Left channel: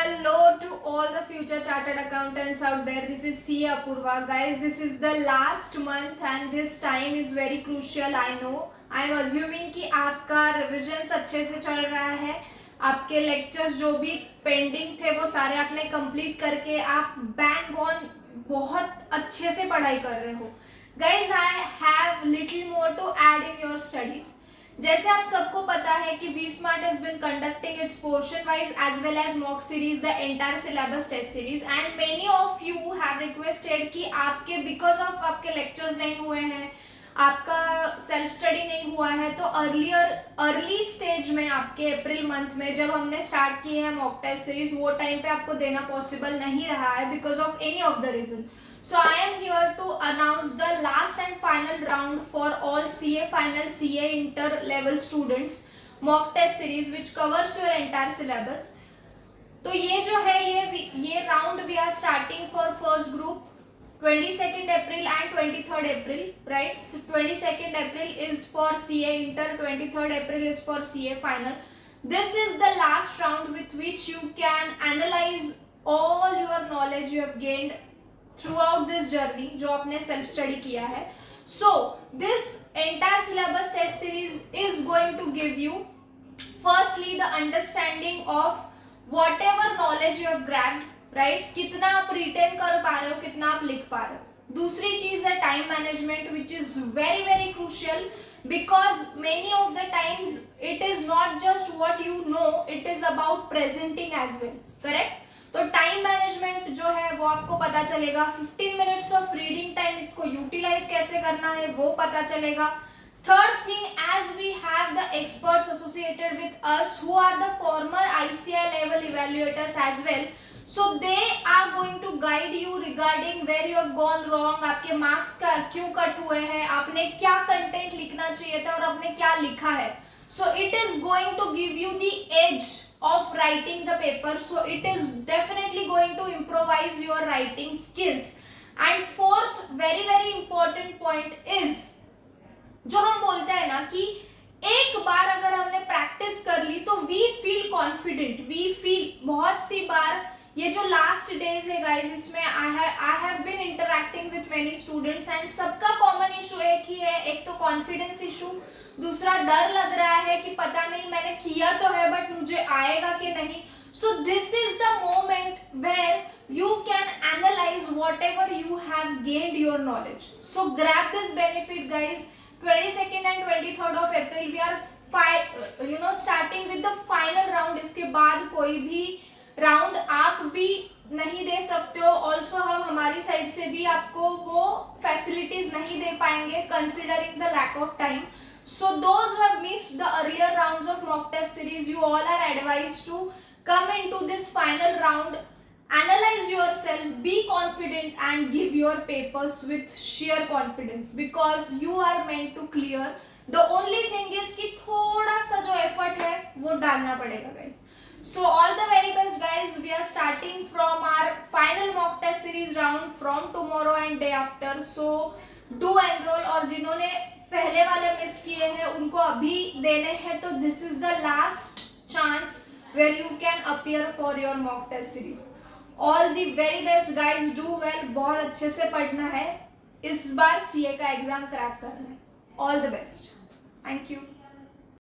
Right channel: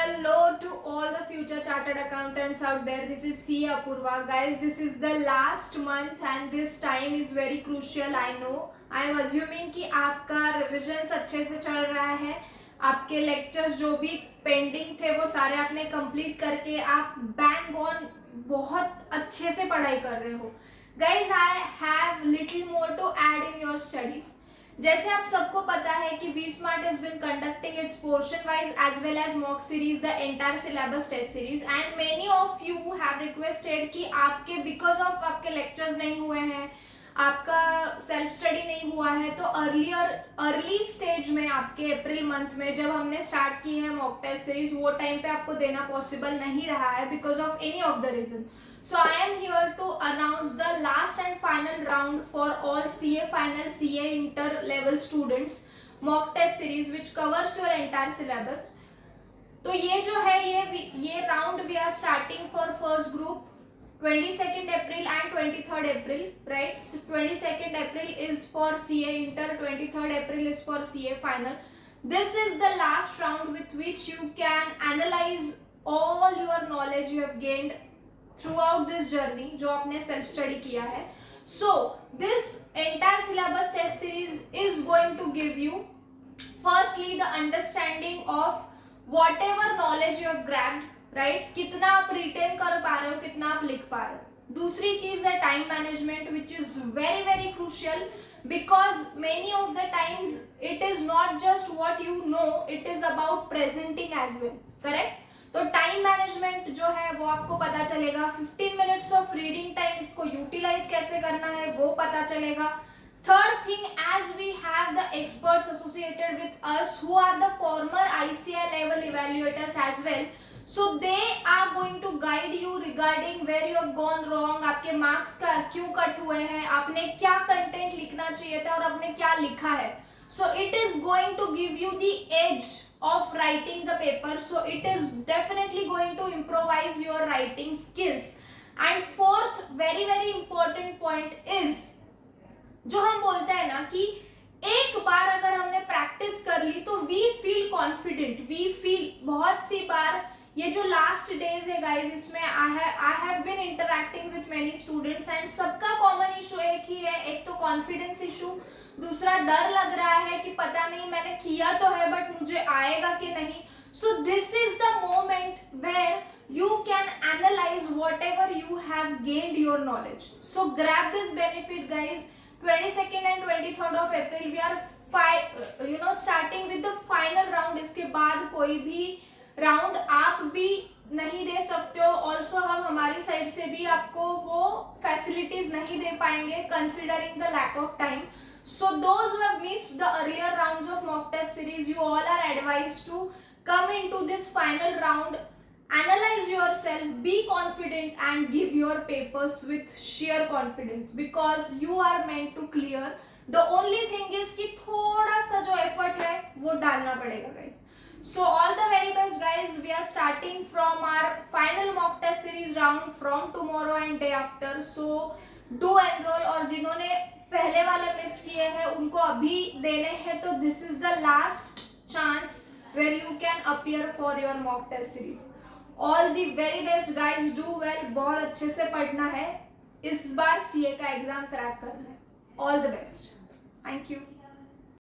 Hello to all the future chartered accountants out there. This is CA Apurva. Guys, this is the last month and this time is very crucial. I know. I am assuming कि आपका रिविजन्स अच्छे से चल रहा है. आपके लेक्चर्स जो भी पेंडिंग थे वो सारे आपने कंप्लीट करके आप बैंग ऑन बहुत अच्छे से पढ़ाई कर रहे हो. Guys, I have little more to add in your studies. जैसे आप सबको पता है कि V Smart has been conducting its portion wise as well as mock series the entire syllabus test series and many of you have requested कि आपके because of आपके लेक्चर्स नहीं हुए हैं, आपका सेल्फ स्टडी नहीं हुआ है, तो अर्ली स्टेज में आपके अप्रैल मंथ में जब हमने स्टार्ट किए हैं मॉक टेस्ट सीरीज वो टाइम पे आपको देना पॉसिबल नहीं रहा है because of any of the reason. So I am here to announce the last and final round for all CA final CA inter level students mock test series which covers your entire syllabus. तो ये जो है ये round we are starting for first group 22nd April and 23rd April, right? So 22nd April is for CA inter, 23rd April is for CA final. This is the last round with which you can analyze all your knowledge you have gained throughout this journey जो आपने self study किया है. So this entire syllabus test series is going to give you firstly the understanding of whatever knowledge you have grabbed, right? कितना आप retain कर पा रहे हो, कितना आप लिख पा रहे हो. दूसरी चीज है time management which is very very crucial because many of the times it is not just what you know, it is about presenting as well, correct? तो टाइम मैनेजमेंट जो है वो आपको पता चलेगा. 15 मिनट्स ऑफ रीडिंग टाइम इसको utilise कैसे करना है वो पता चलेगा. Third thing, as we have the experts associated with us who are the former ICI level evaluators as well, so they are going to guide you regarding where you have gone wrong, आपके marks का क्यों कट हुए हैं, आपने क्या कंटेंट लिखना चाहिए था और आपने क्या लिखा है. So it is going to give you the edge of writing the paper. So it is definitely going to improvise your writing skills. And fourth very very important point is जो हम बोलते हैं ना कि एक बार अगर हमने प्रैक्टिस कर ली तो we feel confident, we feel. बहुत सी बार ये जो लास्ट डेज है गाइज इसमें I have been interacting with many students and सबका कॉमन इशू एक ही है. एक तो कॉन्फिडेंस इशू, दूसरा डर लग रहा है कि पता नहीं मैंने किया तो है बट मुझे आएगा कि नहीं. So this is the moment where you can analyze whatever you have gained your knowledge. So grab this benefit guys. 22nd and 23rd of April we are starting with the final round. इसके बाद कोई भी राउंड आप भी नहीं दे सकते हो. ऑल्सो हम हमारी साइड से भी आपको वो फैसिलिटीज नहीं दे पाएंगे considering the lack of time. So those who have missed the earlier rounds of mock test series, you all are advised to come into this final round, analyze yourself, be confident and give your papers with sheer confidence because you are meant to clear. The only thing is कि थोड़ा सा जो effort है वो डालना पड़ेगा guys. So all the very best guys. We are starting from our final mock test series round from tomorrow and day after. So do enroll. और जिन्होंने पहले वाले मिस किए हैं उनको अभी देने हैं तो this is the last chance where you can appear for your mock test series. All the very best guys. Do well. बहुत अच्छे से पढ़ना है. इस बार CA का एग्जाम क्रैक करना है. All the best. Thank you.